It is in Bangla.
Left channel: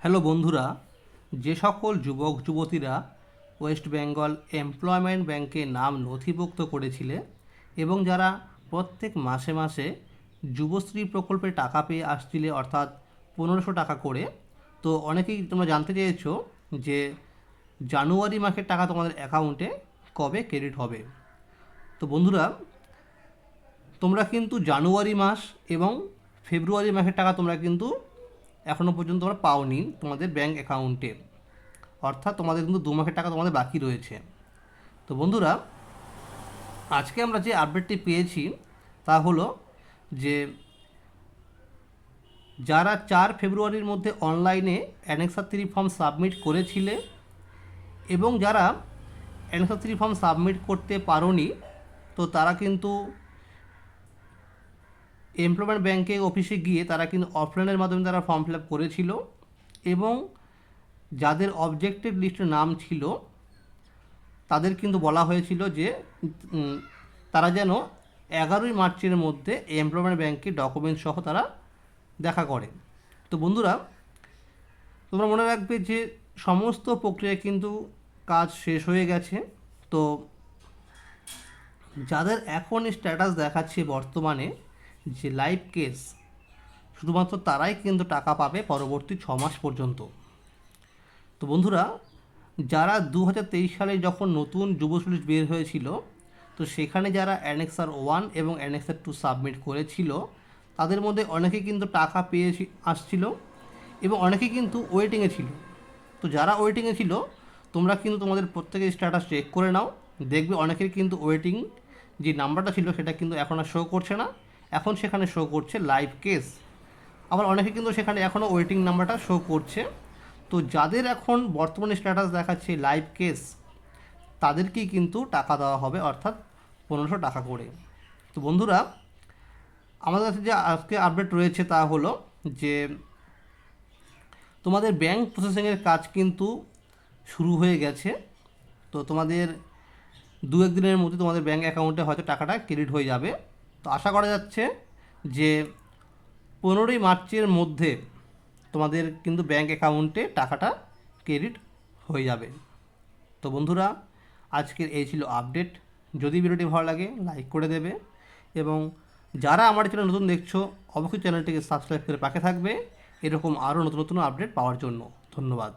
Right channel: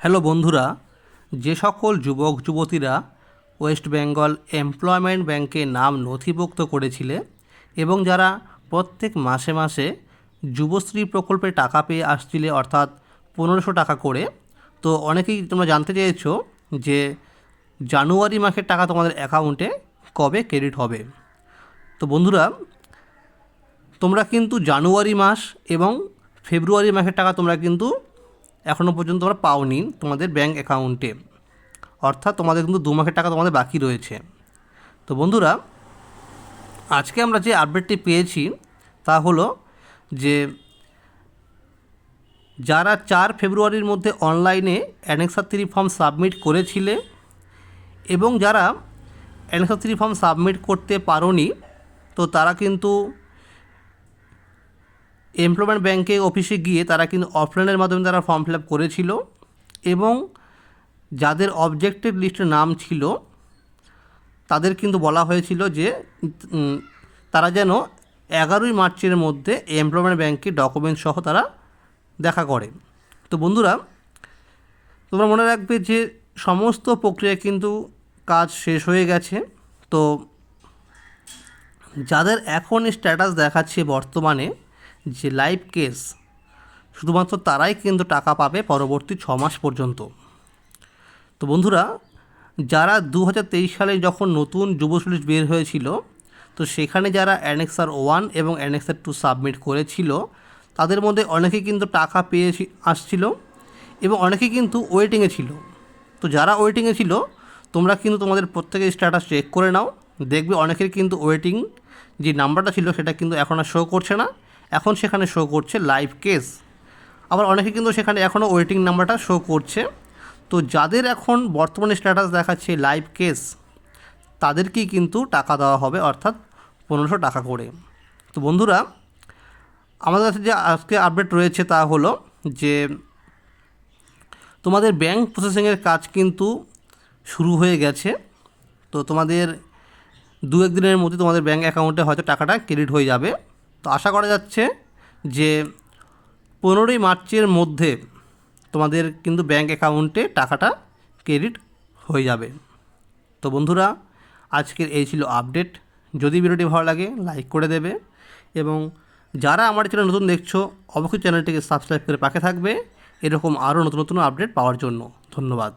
হ্যালো বন্ধুরা, যে সকল যুবক, যুবতীরা ওয়েস্ট বেঙ্গল এমপ্লয়মেন্ট ব্যাংকে নাম নথিভুক্ত করেছিলে এবং যারা প্রত্যেক মাসে মাসে যুবশ্রী প্রকল্পে টাকা পেয়ে আসছিলে, অর্থাৎ পনেরোশো টাকা করে, তো অনেকেই তোমরা জানতে চেয়েছো যে জানুয়ারি মাসের টাকা তোমাদের অ্যাকাউন্টে কবে ক্রেডিট হবে। তো বন্ধুরা, তোমরা কিন্তু জানুয়ারি মাস এবং ফেব্রুয়ারি মাসের টাকা তোমরা কিন্তু এখনও পর্যন্ত তোমরা পাওনি তোমাদের ব্যাঙ্ক অ্যাকাউন্টে অর্থাৎ তোমাদের কিন্তু দু মাসের টাকা তোমাদের বাকি রয়েছে। তো বন্ধুরা, আজকে আমরা যে আপডেটটি পেয়েছি তা হলো যে যারা চার ফেব্রুয়ারির মধ্যে অনলাইনে অ্যানেক্সার থ্রি ফর্ম সাবমিট করেছিলে এবং যারা অ্যানেক্সার থ্রি ফর্ম সাবমিট করতে পারোনি, তো তারা কিন্তু এমপ্লয়মেন্ট ব্যাংকে অফিসে গিয়ে তারা কিন্তু অফলাইনের মাধ্যমে তারা ফর্ম ফিল আপ করেছিল এবং যাদের অবজেক্টেড লিস্টে নাম ছিল, তাদের কিন্তু বলা হয়েছিল যে তারা যেন এগারোই মার্চের মধ্যে এমপ্লয়মেন্ট ব্যাংকে ডকুমেন্টস সহ তারা দেখা করে। তো বন্ধুরা, তোমরা মনে রাখবে যে সমস্ত প্রক্রিয়া কিন্তু কাজ শেষ হয়ে গেছে। তো যাদের এখন স্ট্যাটাস দেখাচ্ছে বর্তমানে যে লাইভ কেস, শুধুমাত্র তারাই কিন্তু টাকা পাবে পরবর্তী ছ মাস পর্যন্ত। তো বন্ধুরা, যারা দু হাজার তেইশ সালে যখন নতুন যুবশ্রী বের হয়েছিল, তো সেখানে যারা অ্যানেক্সার ওয়ান এবং অ্যানেক্সার টু সাবমিট করেছিল, তাদের মধ্যে অনেকে কিন্তু টাকা পেয়ে আসছিল এবং অনেকে কিন্তু ওয়েটিংয়ে ছিল। তো যারা ওয়েটিংয়ে ছিল, তোমরা কিন্তু তোমাদের প্রত্যেকের স্ট্যাটাস চেক করে নাও। দেখবে অনেকের কিন্তু ওয়েটিং যে নাম্বারটা ছিল সেটা কিন্তু এখন আর শো করছে না। এখন সেখানে শো করছে লাইভ কেস আবার অনেকে কিন্তু সেখানে এখনও ওয়েটিং নাম্বারটা শো করছে। তো যাদের এখন বর্তমানে স্ট্যাটাস দেখাচ্ছে লাইভ কেস তাদেরকেই কিন্তু টাকা দেওয়া হবে, অর্থাৎ পনেরোশো টাকা করে। তো বন্ধুরা, আমাদের কাছে যে আজকে আপডেট রয়েছে তা হলো যে, তোমাদের ব্যাংক প্রসেসিংয়ের কাজ কিন্তু শুরু হয়ে গেছে। তো তোমাদের দু একদিনের মধ্যে তোমাদের ব্যাঙ্ক অ্যাকাউন্টে হয়তো টাকাটা ক্রেডিট হয়ে যাবে। তো আশা করা যাচ্ছে যে পনেরোই মার্চের মধ্যে তোমাদের কিন্তু ব্যাঙ্ক অ্যাকাউন্টে টাকাটা ক্রেডিট হয়ে যাবে। তো বন্ধুরা, আজকের এই ছিল আপডেট। যদি ভিডিওটি ভালো লাগে, লাইক করে দেবে এবং যারা আমার চ্যানেল নতুন দেখছ, অবশ্যই চ্যানেলটিকে সাবস্ক্রাইব করে পাশে থাকবে। এরকম আরও নতুন নতুন আপডেট পাওয়ার জন্য ধন্যবাদ।